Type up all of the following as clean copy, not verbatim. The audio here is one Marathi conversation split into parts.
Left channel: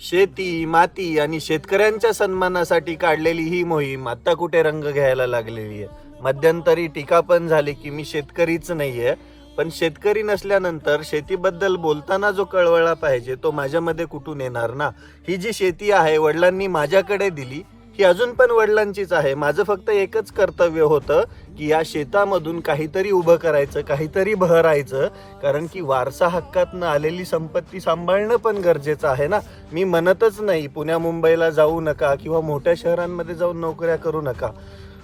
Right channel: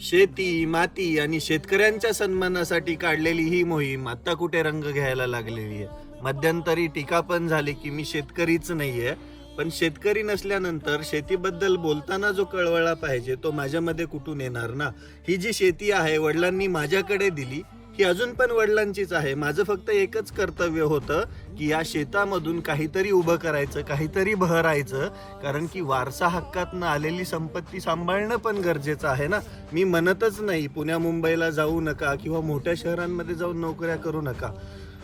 शेती, माती आणि शेतकऱ्यांच्या सन्मानासाठी काढलेली ही मोहीम आता कुठे रंग घ्यायला लागलेली आहे। मध्यंतरी टीका पण झाली की मी शेतकरीच नाहीये, पण शेतकरी नसल्यानंतर शेतीबद्दल बोलताना जो कळवळा पाहिजे तो माझ्यामध्ये कुठून येणार ना। ही जी शेती आहे वडिलांनी माझ्याकडे दिली, ही अजून पण वडिलांचीच आहे। माझं फक्त एकच कर्तव्य होतं की या शेतामधून काहीतरी उभं करायचं, काहीतरी बहरायचं, कारण की वारसा हक्कातनं आलेली संपत्ती सांभाळणं पण गरजेचं आहे ना। मी म्हणतच नाही पुण्या मुंबईला जाऊ नका किंवा मोठ्या शहरांमध्ये जाऊन नोकऱ्या करू नका।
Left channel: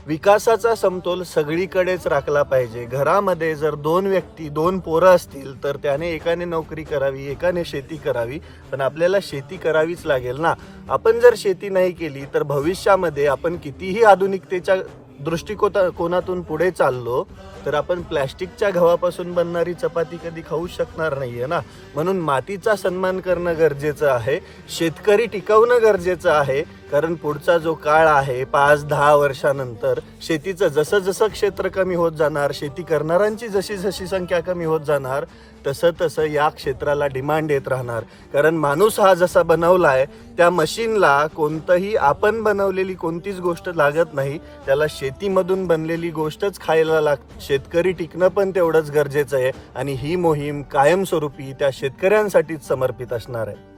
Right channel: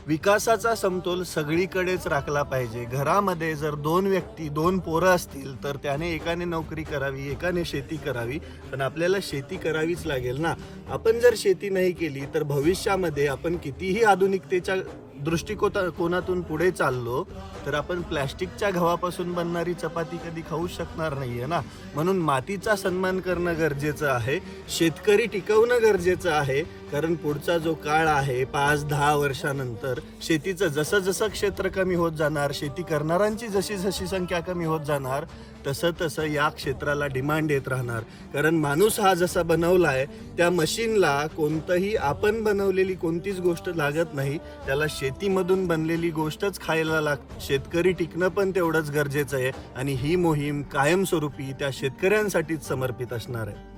विकासाचा समतोल सगळीकडेच राखला पाहिजे। घरामध्ये जर दोन व्यक्ती, दोन पोरं असतील तर त्याने एकाने नोकरी करावी, एकाने शेती करावी, पण आपल्याला शेती करावीच लागेल ना। आपण जर शेती नाही केली तर भविष्यामध्ये आपण कितीही आधुनिकतेच्या दृष्टिकोनातून पुढे चाललो तर आपण प्लॅस्टिकच्या गव्हापासून बनणारी चपाती कधी खाऊ शकणार नाहीये ना। म्हणून मातीचा सन्मान करणं गरजेचं आहे, शेतकरी टिकवणं गरजेचं आहे, कारण पुढचा जो काळ आहे 5-10 वर्षानंतर शेतीचं जसं जसं क्षेत्र कमी होत जाणार, शेती करणाऱ्यांची जशी जशी संख्या कमी होत जाणार, तसं तसं या क्षेत्राला डिमांड येत राहणार। कारण माणूस हा जसा बनवलाय त्या मशीनला कोणतंही आपण बनवलेली कोणतीच गोष्ट लागत नाही, त्याला शेतीमधून बनलेली गोष्टच खायला लागते। शेतकरी टिकणं पण तेवढंच गरजेचं आहे आणि ही मोहीम कायमस्वरूपी त्या शेतकऱ्यांसाठीच समर्पित असणार आहे।